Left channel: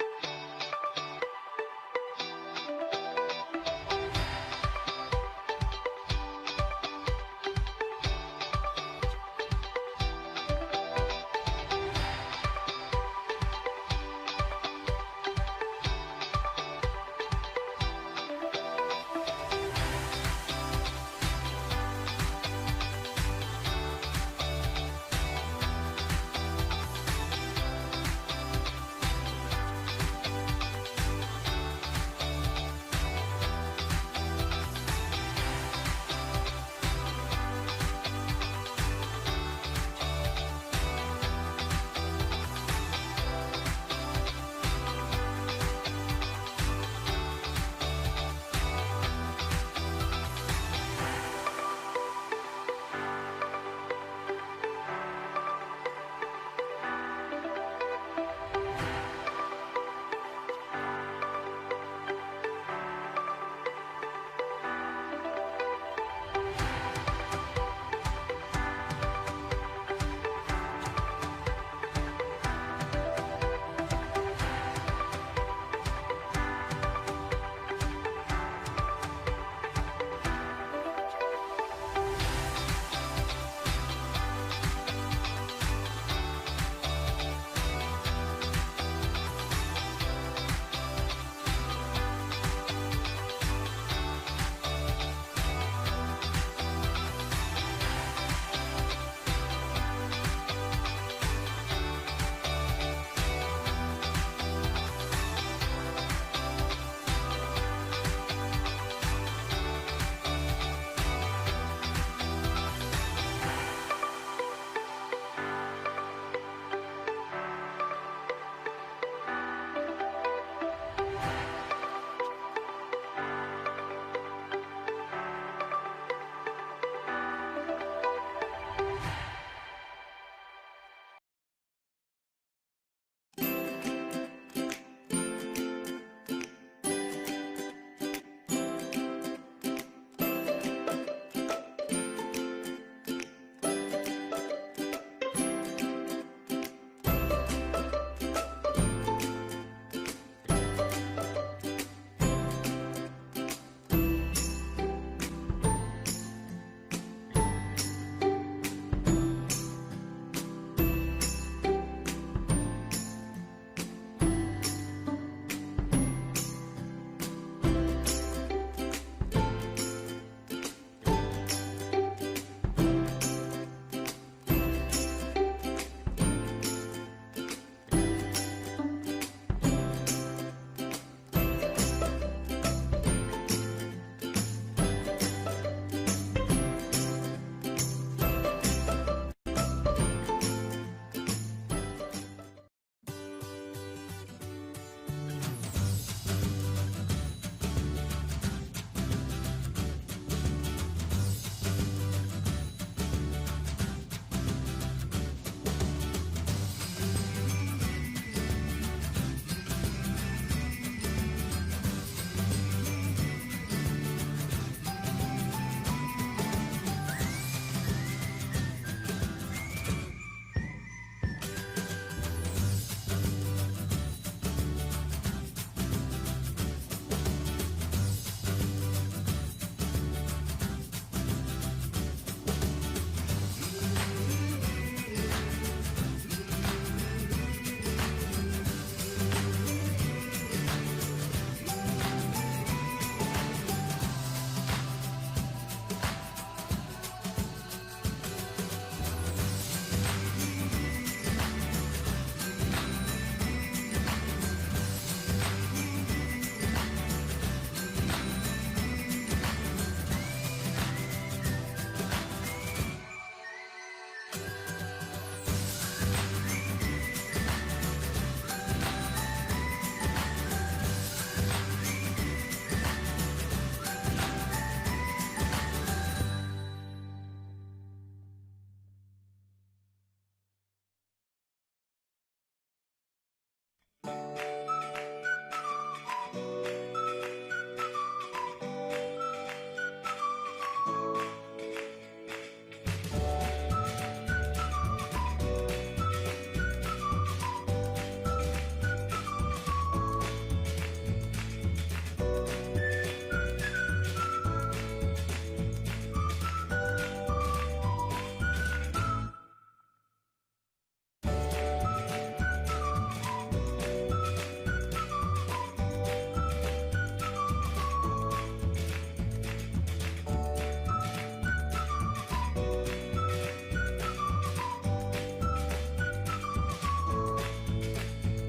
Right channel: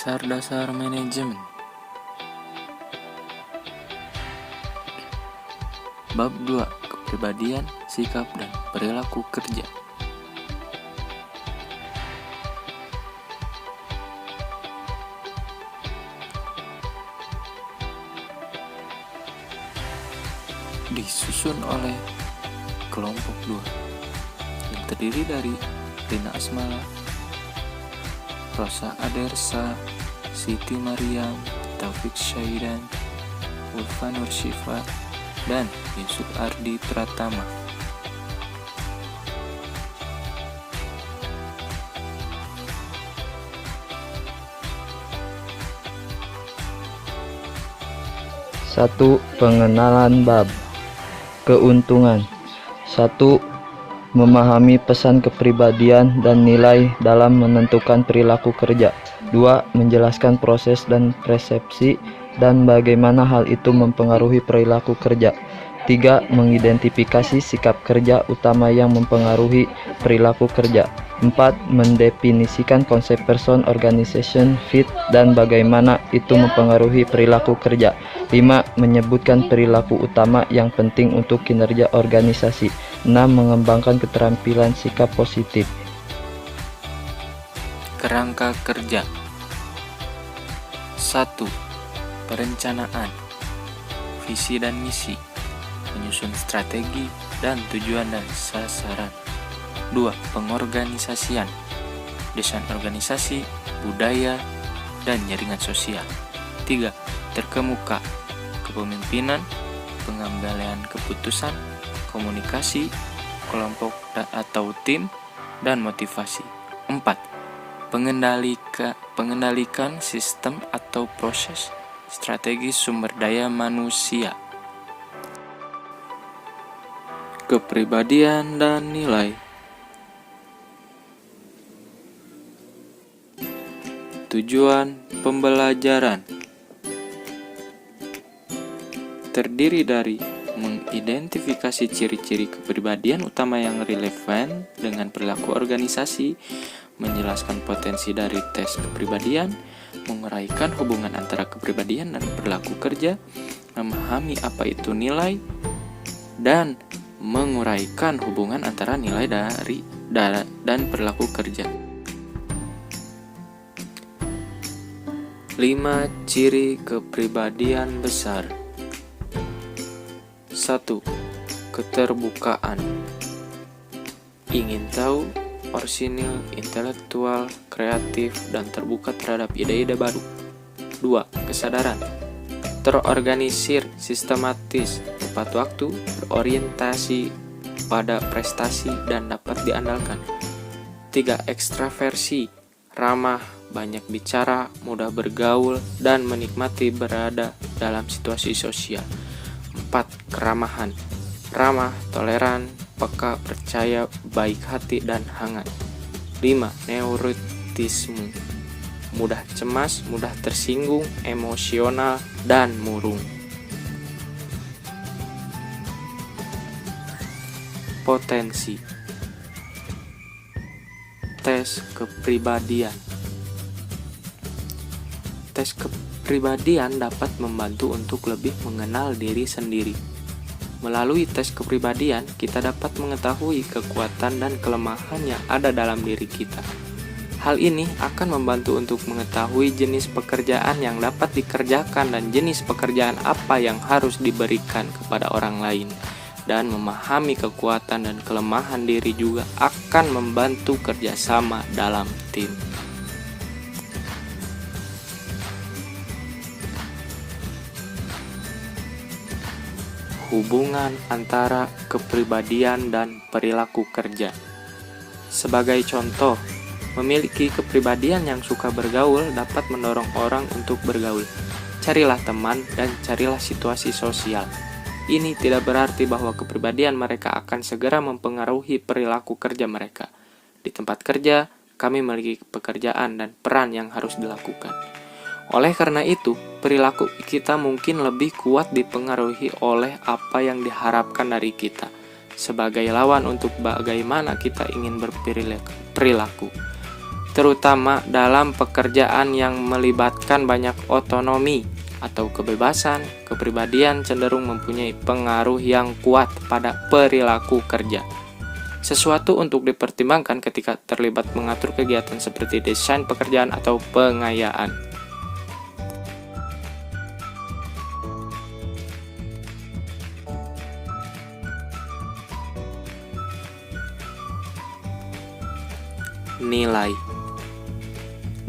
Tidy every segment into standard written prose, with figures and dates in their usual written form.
Dasar-dasar manajemen. Bab 2. Kepribadian, sikap, dan perilaku kerja. Disusun oleh kelompok 2 yang terdiri dari Rina Asmala, Rosa Adersa, Siti Mariam, Taufik Syaidan, Ulfa Nursyifa, dan Yusuf Ardi Pratama. Satu. Pengenalan bab. Keuntungan. 1. Memahami pesan kepribadian dan nilai dalam menentukan perilaku kerja. 2. Menjelaskan proses dan persepsi dan bagaimana hal itu mempengaruhi perilaku kerja. 3. Mengidentifikasi sikap kerja utama yang mempengaruhi perilaku kerja. 4. Mendefinisikan konsep person, organization, fit, dan bagaimana itu mempengaruhi perilaku kerja. 5. Menyebutkan perilaku utama yang penting untuk kinerja organisasi. 6. Mengembangkan keterampilan sikap positif. Kerangka kerja. 1. Perencanaan, visi dan misi, menyusun strategi dan tujuan dan sasaran. 2. Pengorganisasian, desain organisasi, budaya, dan jaringan sosial. 3. Terkemuka, kepemimpinan, pengambilan keputusan, komunikasi, kelompok atau tim, dan motivasi. 4. Pengendalikan sistem atau proses, strategi sumber daya manusia. Kepribadian dan nilai. Tujuan pembelajaran terdiri dari mengidentifikasi ciri-ciri kepribadian utama yang relevan dengan perilaku organisasi, menjelaskan potensi dari tes kepribadian, menguraikan hubungan antara kepribadian dan perilaku kerja, memahami apa itu nilai, dan menguraikan hubungan antara nilai dan perilaku kerja. 5 ciri kepribadian besar. 1. Keterbukaan. Ingin tahu, orisinil, intelektual, kreatif, dan terbuka terhadap ide-ide baru. 2. Kesadaran. Terorganisir, sistematis, tepat waktu, berorientasi pada prestasi, dan dapat diandalkan. 3. Ekstraversi. Ramah, banyak bicara, mudah bergaul, dan menikmati berada dalam situasi sosial. 4. Keramahan. Ramah, toleran, peka, percaya, baik hati, dan hangat. 5. Neurotisme. Mudah cemas, mudah tersinggung, emosional, dan murung. Potensi. Tes kepribadian. Tes kepribadian dapat membantu untuk lebih mengenal diri sendiri. Melalui tes kepribadian, kita dapat mengetahui kekuatan dan kelemahan yang ada dalam diri kita. Hal ini akan membantu untuk mengetahui jenis pekerjaan yang dapat dikerjakan dan jenis pekerjaan apa yang harus diberikan kepada orang lain. Dan memahami kekuatan dan kelemahan diri juga akan membantu kerjasama dalam tim. Hubungan antara kepribadian dan perilaku kerja. Sebagai contoh, memiliki kepribadian yang suka bergaul dapat mendorong orang untuk bergaul. Carilah teman dan carilah situasi sosial. Ini tidak berarti bahwa kepribadian mereka akan segera mempengaruhi perilaku kerja mereka. Di tempat kerja, kami memiliki pekerjaan dan peran yang harus dilakukan. Oleh karena itu, perilaku kita mungkin lebih kuat dipengaruhi oleh apa yang diharapkan dari kita, sebagai lawan untuk bagaimana kita ingin berperilaku. terutama dalam pekerjaan yang melibatkan banyak otonomi atau kebebasan. Kepribadian cenderung mempunyai pengaruh yang kuat pada perilaku kerja. Sesuatu untuk dipertimbangkan ketika terlibat mengatur kegiatan seperti desain pekerjaan atau pengayaan. Nilai.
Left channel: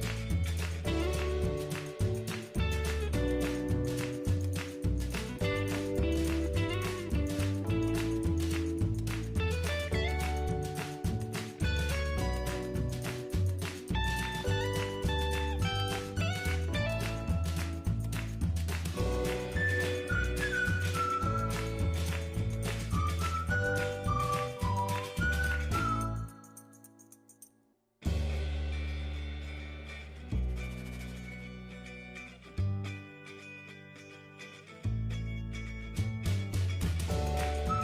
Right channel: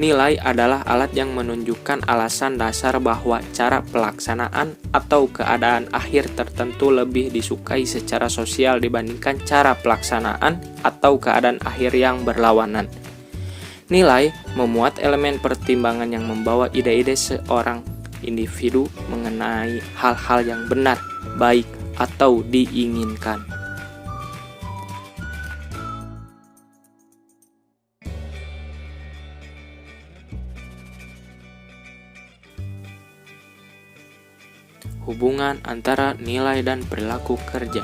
Nilai adalah alat yang menunjukkan alasan dasar bahwa cara pelaksanaan atau keadaan akhir tertentu lebih disukai secara sosial dibandingkan cara pelaksanaan atau keadaan akhir yang berlawanan. Nilai memuat elemen pertimbangan yang membawa ide-ide seorang individu mengenai hal-hal yang benar, baik, atau diinginkan. Hubungan antara nilai dan perilaku kerja.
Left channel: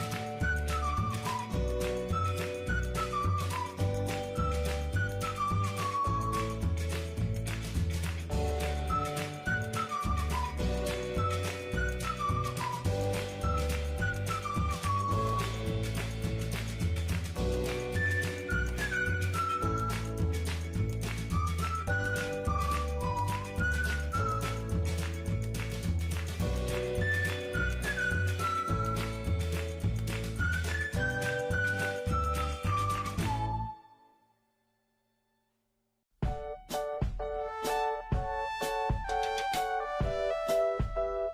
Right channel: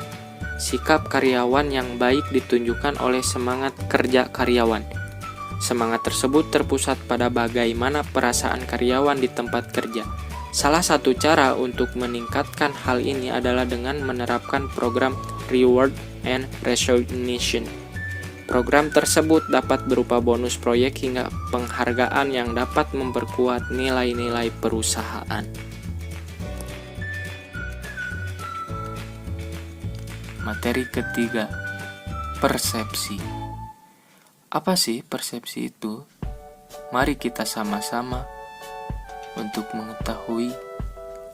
Sikap karyawan yang baik ditunjukkan oleh semangat kerja karyawan. Semangat tersebut terpusat pada bagaimana perasaan karyawan di tempat kerja. Salah satu cara untuk meningkatkan hal ini adalah dengan menerapkan program reward and recognition. Program tersebut dapat berupa bonus proyek hingga penghargaan yang dapat memperkuat nilai-nilai perusahaan. Materi ketiga, persepsi. Apa sih persepsi itu? Mari kita sama-sama untuk mengetahui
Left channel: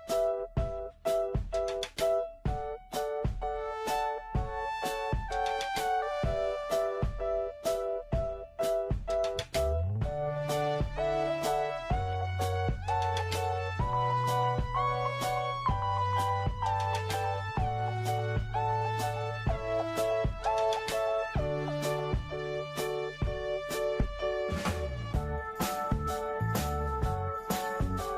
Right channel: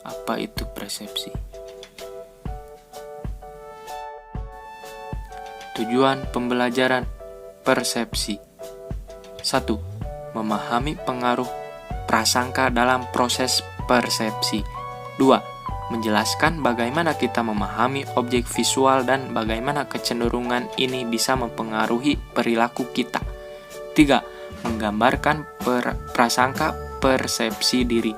apa itu persepsi. Tujuan pembelajaran persepsi. 1. Memahami pengaruh prasangka dalam proses persepsi. 2. Menjelaskan bagaimana kita memahami objek visual dan bagaimana kecenderungan ini bisa mempengaruhi perilaku kita. 3. Menggambarkan prasangka persepsi diri.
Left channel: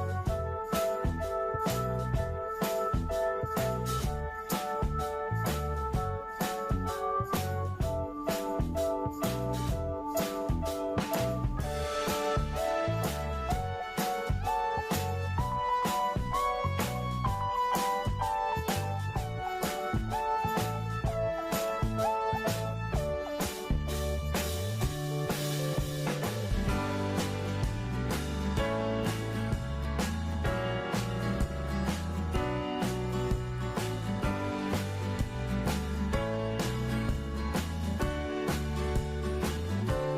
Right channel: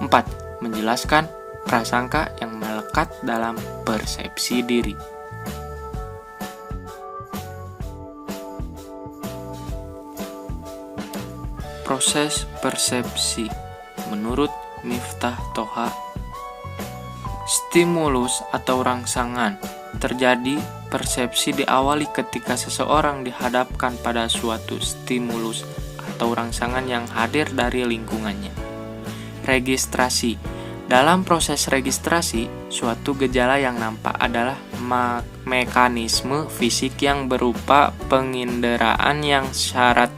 4. Menjelaskan prasangka yang melekat dalam persepsi diri. Proses persepsi menurut Miftah Toha. Stimulus atau rangsangan. Terjadi persepsi diawali ketika seseorang dihadapkan pada suatu stimulus atau rangsangan yang hadir dari lingkungannya. Registrasi. Dalam proses registrasi, suatu gejala yang nampak adalah mekanisme fisik yang berupa penginderaan yang syarat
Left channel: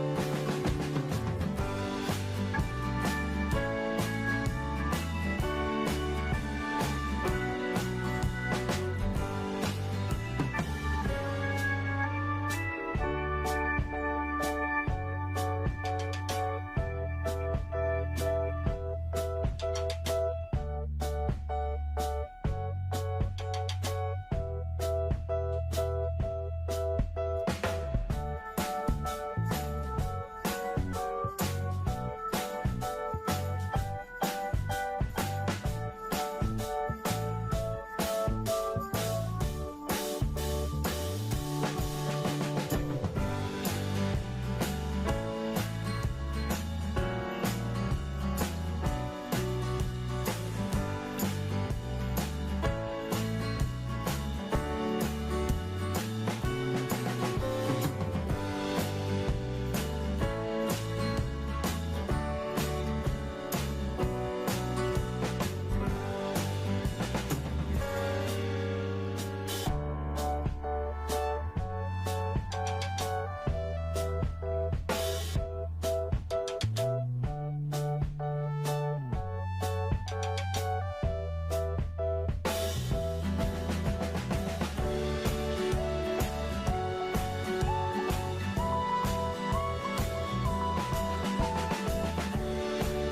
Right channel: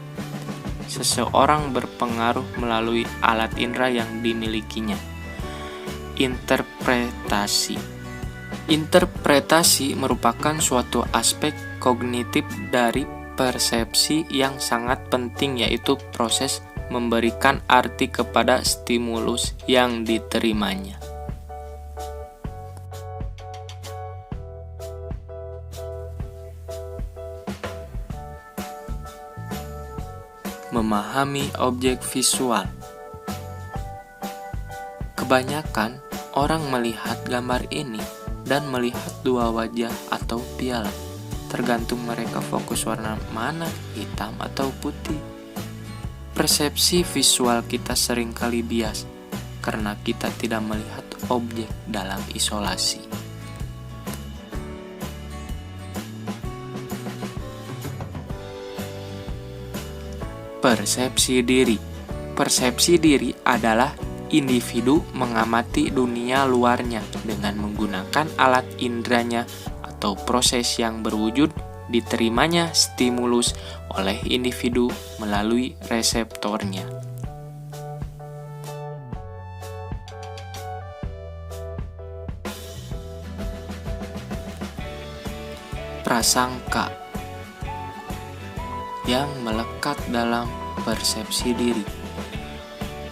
seseorang berpengaruh melalui alat indera yang dimilikinya. Interpretasi. Interpretasi merupakan suatu aspek kognitif dari persepsi yang sangat penting, yaitu proses memberikan arti kepada stimulus yang diterimanya. Memahami objek visual. Kebanyakan orang melihat gambar ini dan melihat dua wajah atau piala. Tergantung mereka fokus warna mana, hitam atau putih. Persepsi visual kita seringkali bias karena kita tidak melihat objek dalam isolasi. Persepsi diri. Persepsi diri adalah individu mengamati dunia luarnya dengan menggunakan alat inderanya atau proses yang berwujud diterimanya stimulus oleh individu melalui reseptornya. Prasangka yang melekat dalam persepsi diri.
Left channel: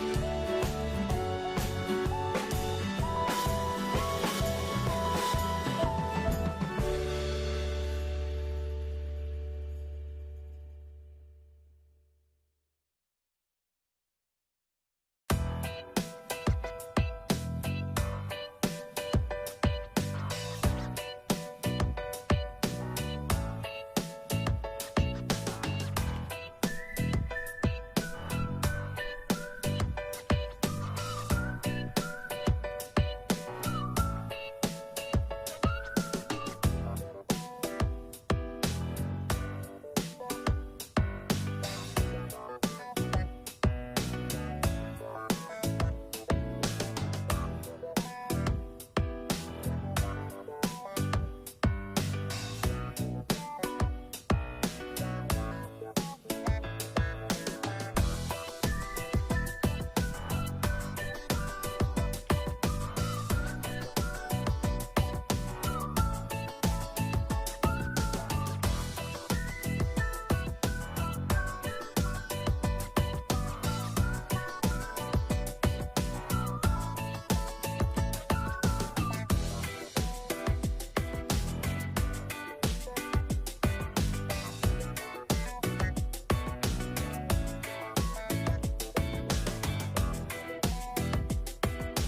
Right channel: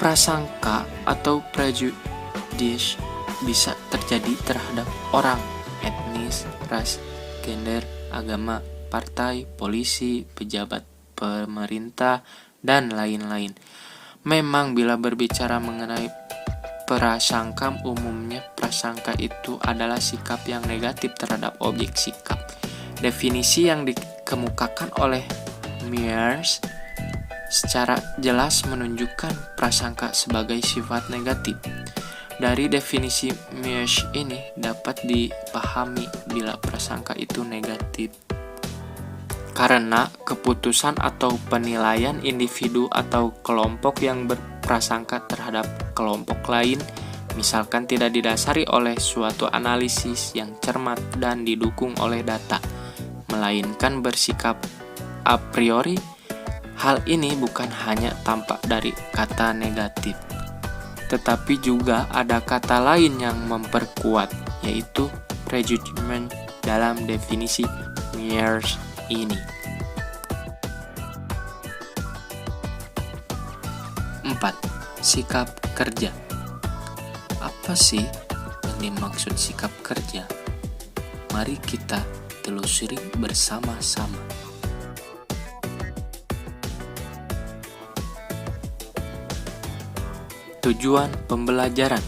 Prasangka atau prejudice bisa terjadi terhadap orang, etnis, ras, gender, agama, partai, polisi, pejabat pemerintah, dan lain-lain. Memang bila berbicara mengenai prasangka, umumnya prasangka itu adalah sikap yang negatif terhadap objek sikap. Definisi yang dikemukakan oleh Myers secara jelas menunjukkan prasangka sebagai sifat negatif. Dari definisi Miesch ini dapat dipahami bila prasangka itu negatif karena keputusan atau penilaian individu atau kelompok yang berprasangka terhadap kelompok lain misalkan tidak didasari oleh suatu analisis yang cermat dan didukung oleh data, melainkan bersikap a priori. Hal ini bukan hanya tampak dari kata negatif, tetapi juga ada kata lain yang memperkuat, yaitu prejudgment dalam definisi Miesch ini. 4. Sikap kerja. Apa sih yang dimaksud sikap kerja? Mari kita telusuri bersama-sama. Tujuan pembelajaran.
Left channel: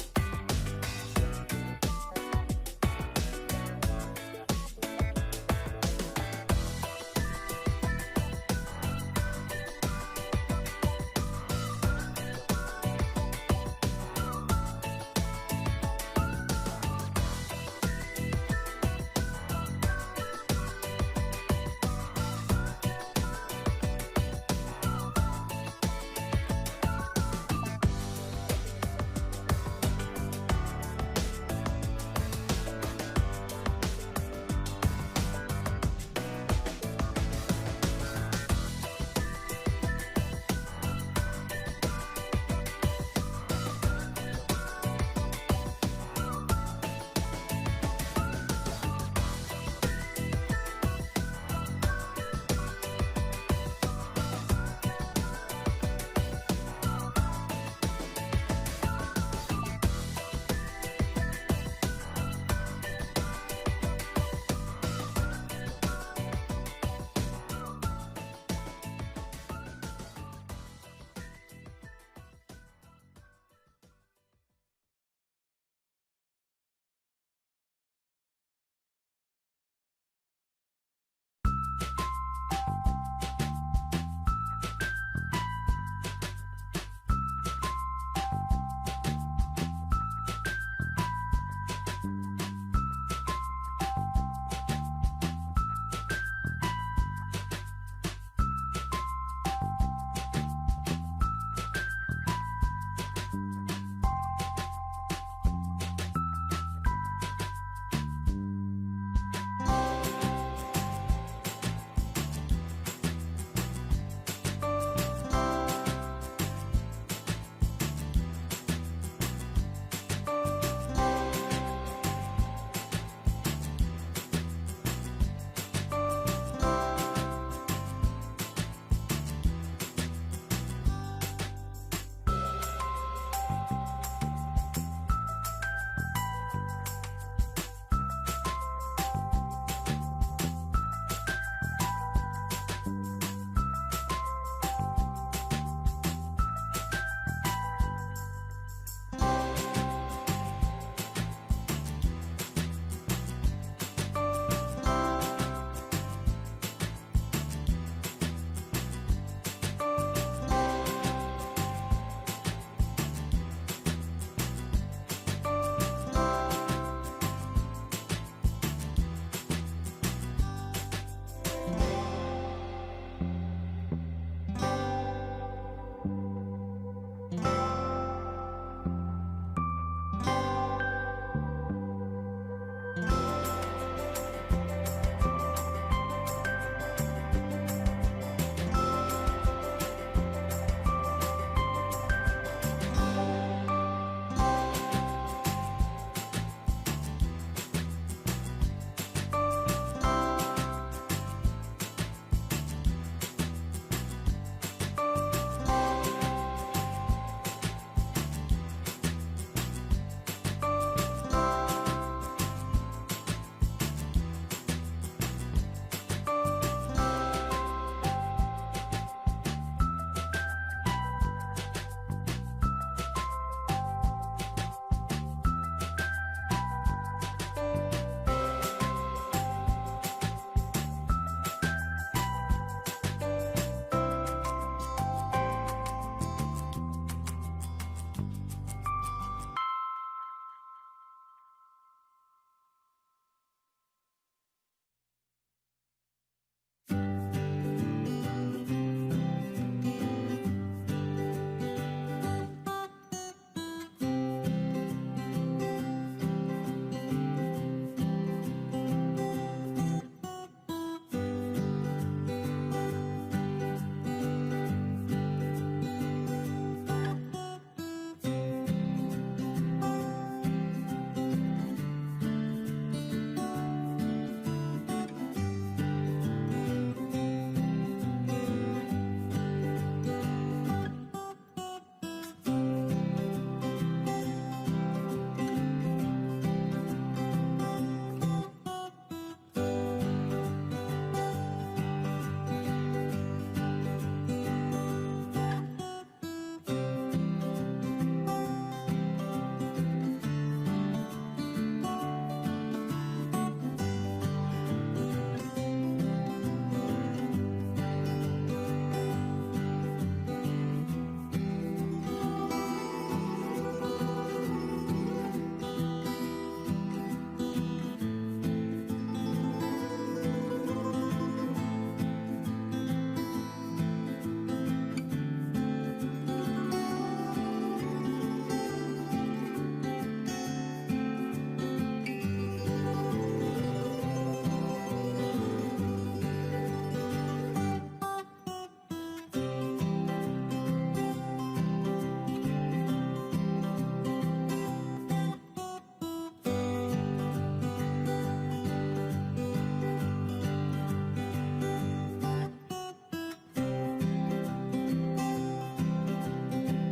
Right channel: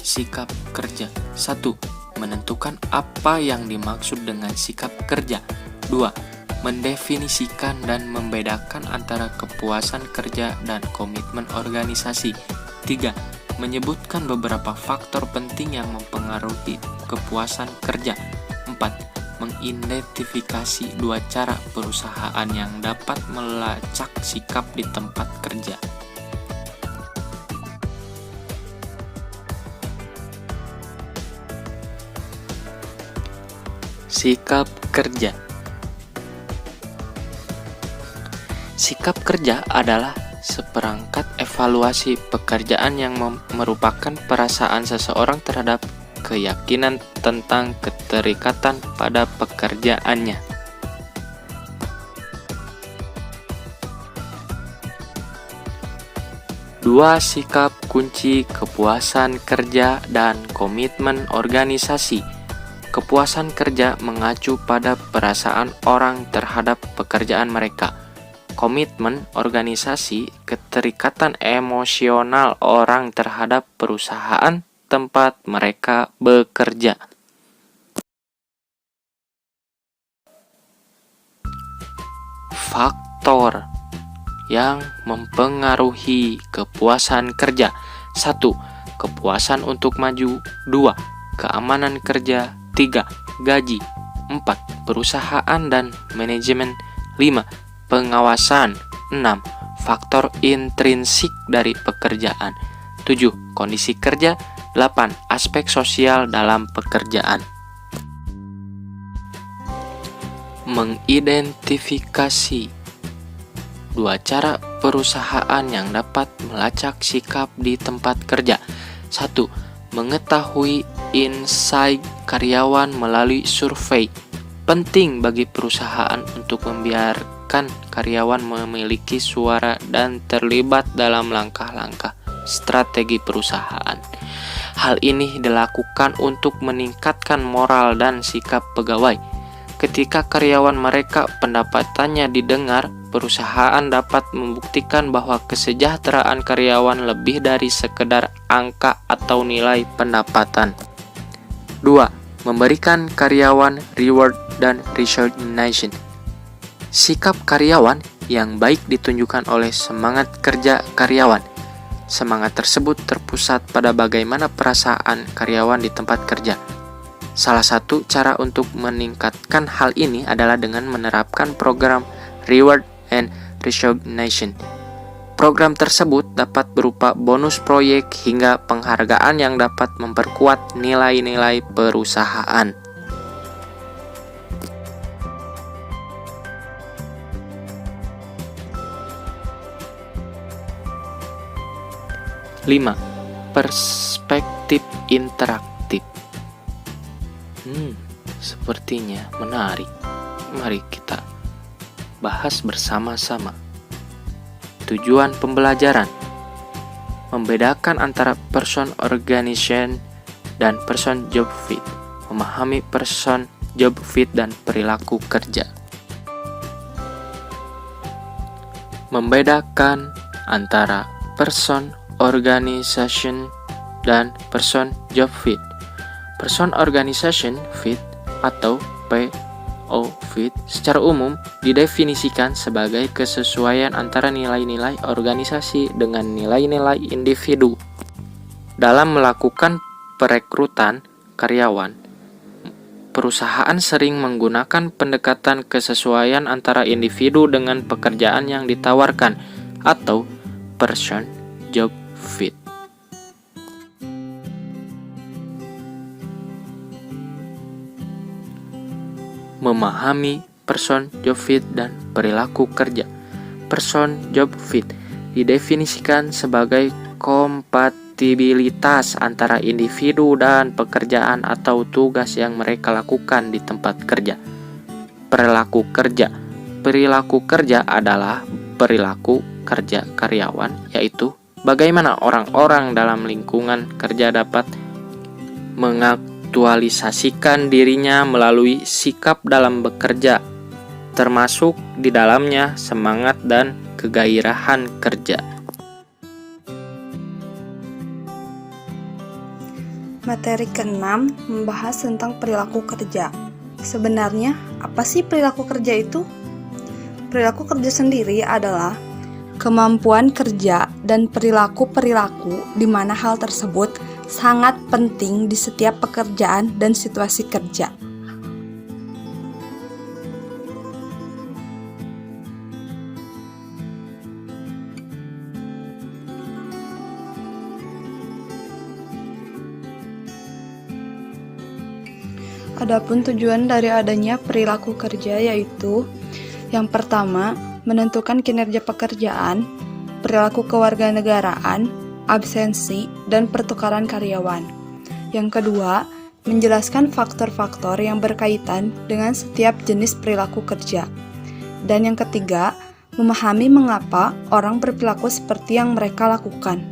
Sikap kerja. 1. Menentukan apa yang dimaksud dengan sikap kerja. 2. Mendefinisikan dan membedakan antara kepuasan kerja dan komitmen organisasi. 3. Menyebutkan beberapa faktor penting yang mempengaruhi kepuasan kerja. 4. Mengidentifikasi 2 cara perusahaan yang dapat melacak sikap di tempat kerja. Sikap kerja. Sikap kerja adalah seperangkat evaluasi pekerjaan yang merupakan perasaan seseorang terhadap keyakinan tentang keterikatan pada pekerjaannya. Dua sikap kunci kepuasan kerja dan komitmen organisasi. Kepuasan kerja mengacu pada perasaan orang terhadap pekerjaan mereka. Komitmen organisasi, keterikatan emosional orang terhadap perusahaan tempat mereka bekerja. Faktor yang mempengaruhi kepuasan kerja. 1. Kepuasan untuk maju. 2. Keamanan kerja. 3. Gaji. 4. Perusahaan dan manajemen. 5. Pengawasan. 6. Faktor intrinsik dari pekerjaan. 7. Kondisi kerja. 8. Aspek sosial dalam pekerjaan. Mengidentifikasi 2 cara perusahaan yang dapat melacak sikap di tempat kerja. 1. Mengetahui insight karyawan melalui survei. Penting bagi perusahaan untuk membiarkan karyawan memiliki suara dan terlibat dalam langkah-langkah strategi perusahaan. Hal ini dilakukan untuk meningkatkan moral dan sikap pegawai. Ketika karyawan mereka pendapatannya didengar, perusahaan dapat membuktikan bahwa kesejahteraan karyawan lebih dari sekedar angka atau nilai pendapatan. 2. Memberikan karyawan reward dan recognition. Sikap karyawan yang baik ditunjukkan oleh semangat kerja karyawan. Semangat tersebut terpusat pada bagaimana perasaan karyawan di tempat kerja. Salah satu cara untuk meningkatkan hal ini adalah dengan menerapkan program reward and recognition. Program tersebut dapat berupa bonus proyek hingga penghargaan yang dapat memperkuat nilai-nilai perusahaan. 5. Perspektif interaktif. Sepertinya menarik. Mari kita bahas bersama-sama. Tujuan pembelajaran: membedakan antara person organization dan person job fit, memahami person job fit dan perilaku kerja. Membedakan antara person organization dan person job fit. Person organization fit atau of fit secara umum didefinisikan sebagai kesesuaian antara nilai-nilai organisasi dengan nilai-nilai individu. Dalam melakukan perekrutan karyawan, perusahaan sering menggunakan pendekatan kesesuaian antara individu dengan pekerjaan yang ditawarkan atau person job fit. Memahami person job fit dan perilaku kerja. Person job fit didefinisikan sebagai kompatibilitas antara individu dan pekerjaan atau tugas yang mereka lakukan di tempat kerja. Perilaku kerja. Perilaku kerja adalah perilaku kerja karyawan, yaitu bagaimana orang-orang dalam lingkungan kerja dapat mengaktualisasikan dirinya melalui sikap dalam bekerja, termasuk di dalamnya semangat dan kegairahan kerja. Materi ke-6 membahas tentang perilaku kerja. Sebenarnya, apa sih perilaku kerja itu? Perilaku kerja sendiri adalah kemampuan kerja dan perilaku-perilaku di mana hal tersebut sangat penting di setiap pekerjaan dan situasi kerja. Adapun tujuan dari adanya perilaku kerja yaitu yang pertama, menentukan kinerja pekerjaan, perilaku kewarganegaraan, absensi, dan pertukaran karyawan. Yang kedua, menjelaskan faktor-faktor yang berkaitan dengan setiap jenis perilaku kerja. Dan yang ketiga, memahami mengapa orang berperilaku seperti yang mereka lakukan.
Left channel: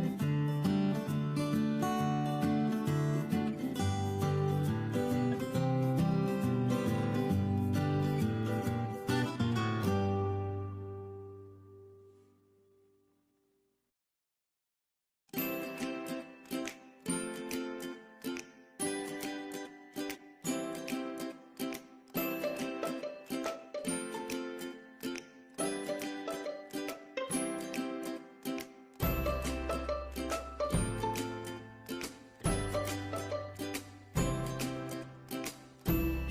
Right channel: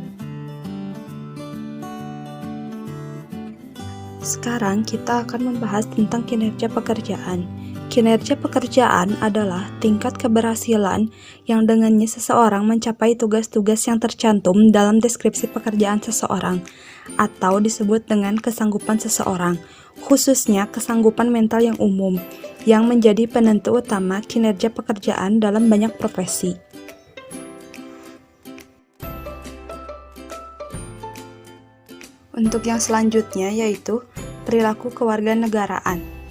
Sekarang kita akan membahas tentang kinerja pekerjaan. Kinerja pekerjaan adalah tingkat keberhasilan yang dengannya seseorang mencapai tugas-tugas yang tercantum dalam deskripsi pekerjaan seseorang, atau disebut dengan kesanggupan seseorang, khususnya kesanggupan mental yang umum, yang menjadi penentu utama kinerja pekerjaan dalam banyak profesi. Untuk yang selanjutnya yaitu perilaku kewarganegaraan.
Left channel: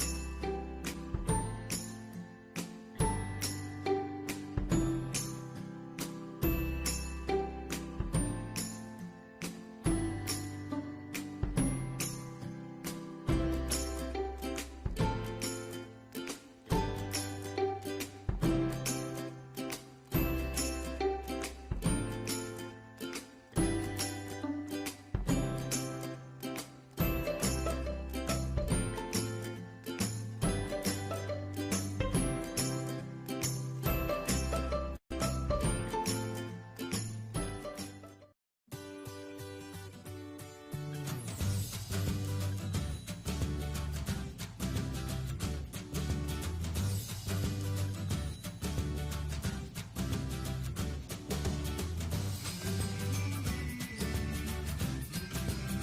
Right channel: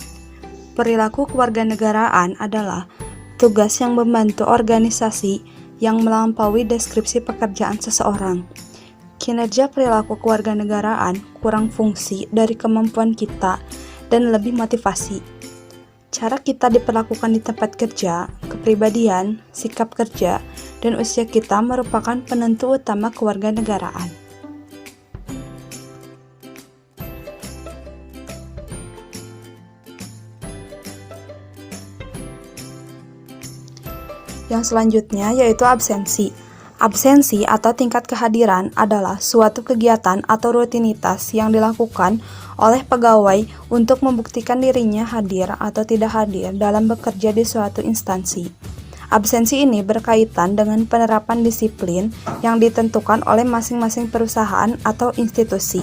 Perilaku kewarganegaraan adalah tugas yang membantu organisasi yang melampaui deskripsi pekerjaan seseorang. Kinerja perilaku kewarganegaraan kurang fungsi dari kemampuan kita dan lebih motivasi. Cara kita diperlakukan di tempat kerja, kepribadian, sikap kerja, dan usia kita merupakan penentu utama kewarganegaraan. Yang selanjutnya yaitu absensi. Absensi atau tingkat kehadiran adalah suatu kegiatan atau rutinitas yang dilakukan oleh pegawai untuk membuktikan dirinya hadir atau tidak hadir dalam bekerja di suatu instansi. Absensi ini berkaitan dengan penerapan disiplin yang ditentukan oleh masing-masing perusahaan atau institusi.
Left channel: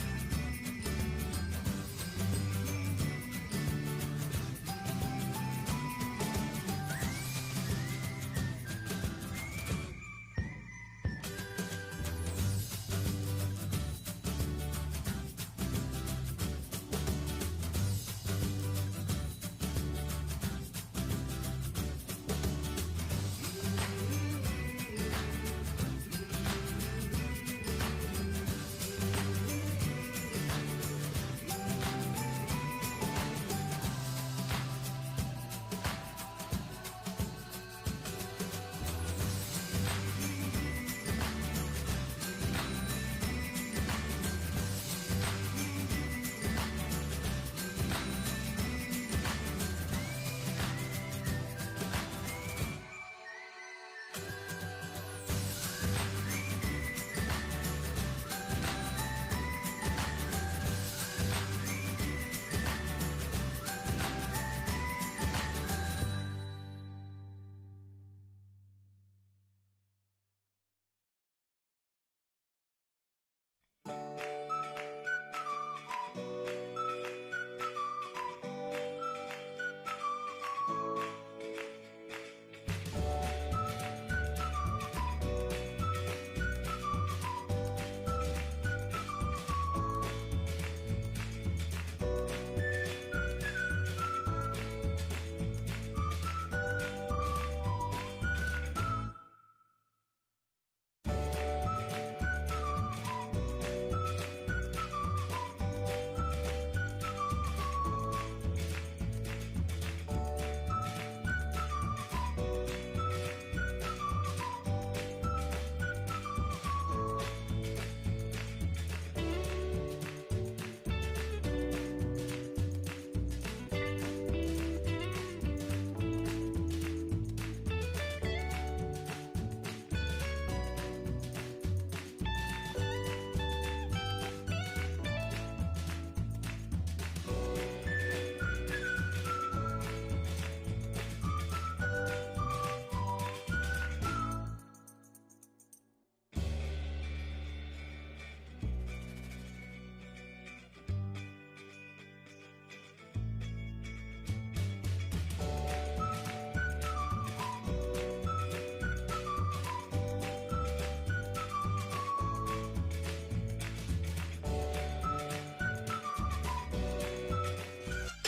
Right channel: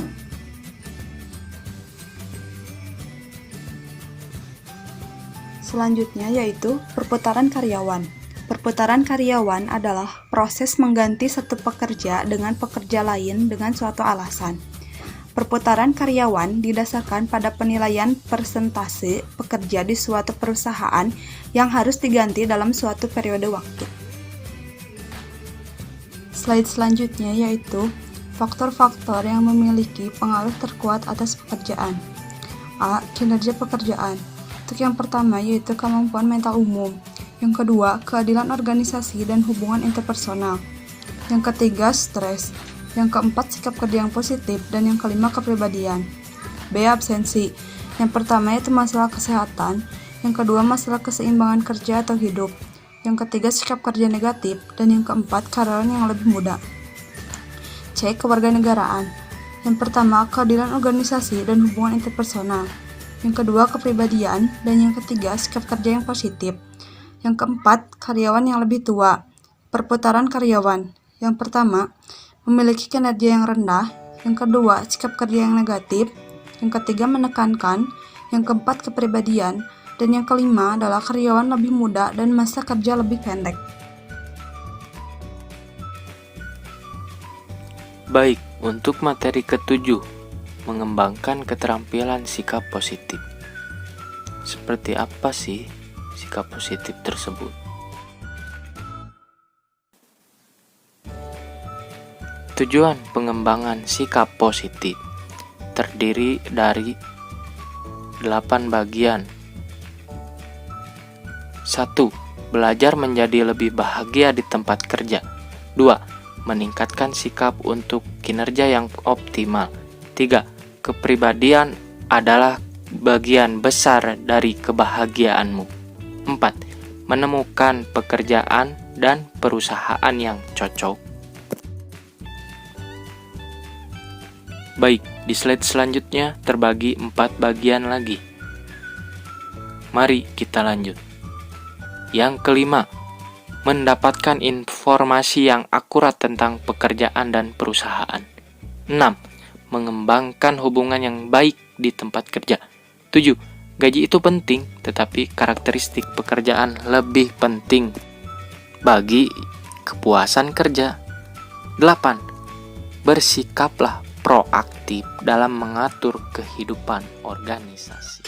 Selanjutnya yaitu perputaran karyawan. Perputaran karyawan adalah proses mengganti satu pekerja dengan pekerja lain dengan suatu alasan. Perputaran karyawan didasarkan pada penilaian persentase pekerja di suatu perusahaan yang harus diganti dalam suatu periode waktu. Slide selanjutnya yaitu faktor-faktor yang memiliki pengaruh terkuat atas pekerjaan. A. Kinerja pekerjaan. Untuk yang pertama yaitu kemampuan mental umum. Yang kedua, keadilan organisasi dan hubungan interpersonal. Yang ketiga, stres. Yang keempat, sikap kerja yang positif. Dan yang kelima, kepribadian. B. Absensi. Yang pertama yaitu masalah kesehatan. Yang kedua, masalah keseimbangan kerja atau hidup. Yang ketiga, sikap kerja negatif. Dan yang keempat, karyawan yang lebih muda. C. Kewarganegaraan. Yang pertama, keadilan organisasi dan hubungan interpersonal. Yang kedua, kepribadian. Dan yang ketiga, sikap kerja yang positif. Yang keempat, karyawan yang lebih tua. Perputaran karyawan. Yang pertama, memiliki kinerja yang rendah. Yang kedua, sikap kerja yang negatif. Yang ketiga, menekankan. Yang keempat, kepribadian. Dan yang kelima adalah karyawan lebih muda dan masa kerja lebih pendek. Baik, untuk materi ketujuh, mengembangkan keterampilan sikap positif. Seperti apa sih sikap positif tersebut? Tujuan pengembangan sikap positif terdiri dari 8 bagian. 1. Belajar menjadi lebih bahagia di tempat kerja. 2. Meningkatkan sikap untuk kinerja yang optimal. 3. Kepribadian adalah bagian besar dari kebahagiaanmu. 4. Menemukan pekerjaan dan perusahaan yang cocok. Baik, di slide selanjutnya terbagi 4 bagian lagi. Mari kita lanjut. Yang kelima, mendapatkan informasi yang akurat tentang pekerjaan dan perusahaan. 6. Mengembangkan hubungan yang baik di tempat kerja. 7. Gaji itu penting, tetapi karakteristik pekerjaan lebih penting bagi kepuasan kerja. 8. Bersikaplah proaktif dalam mengatur kehidupan organisasi.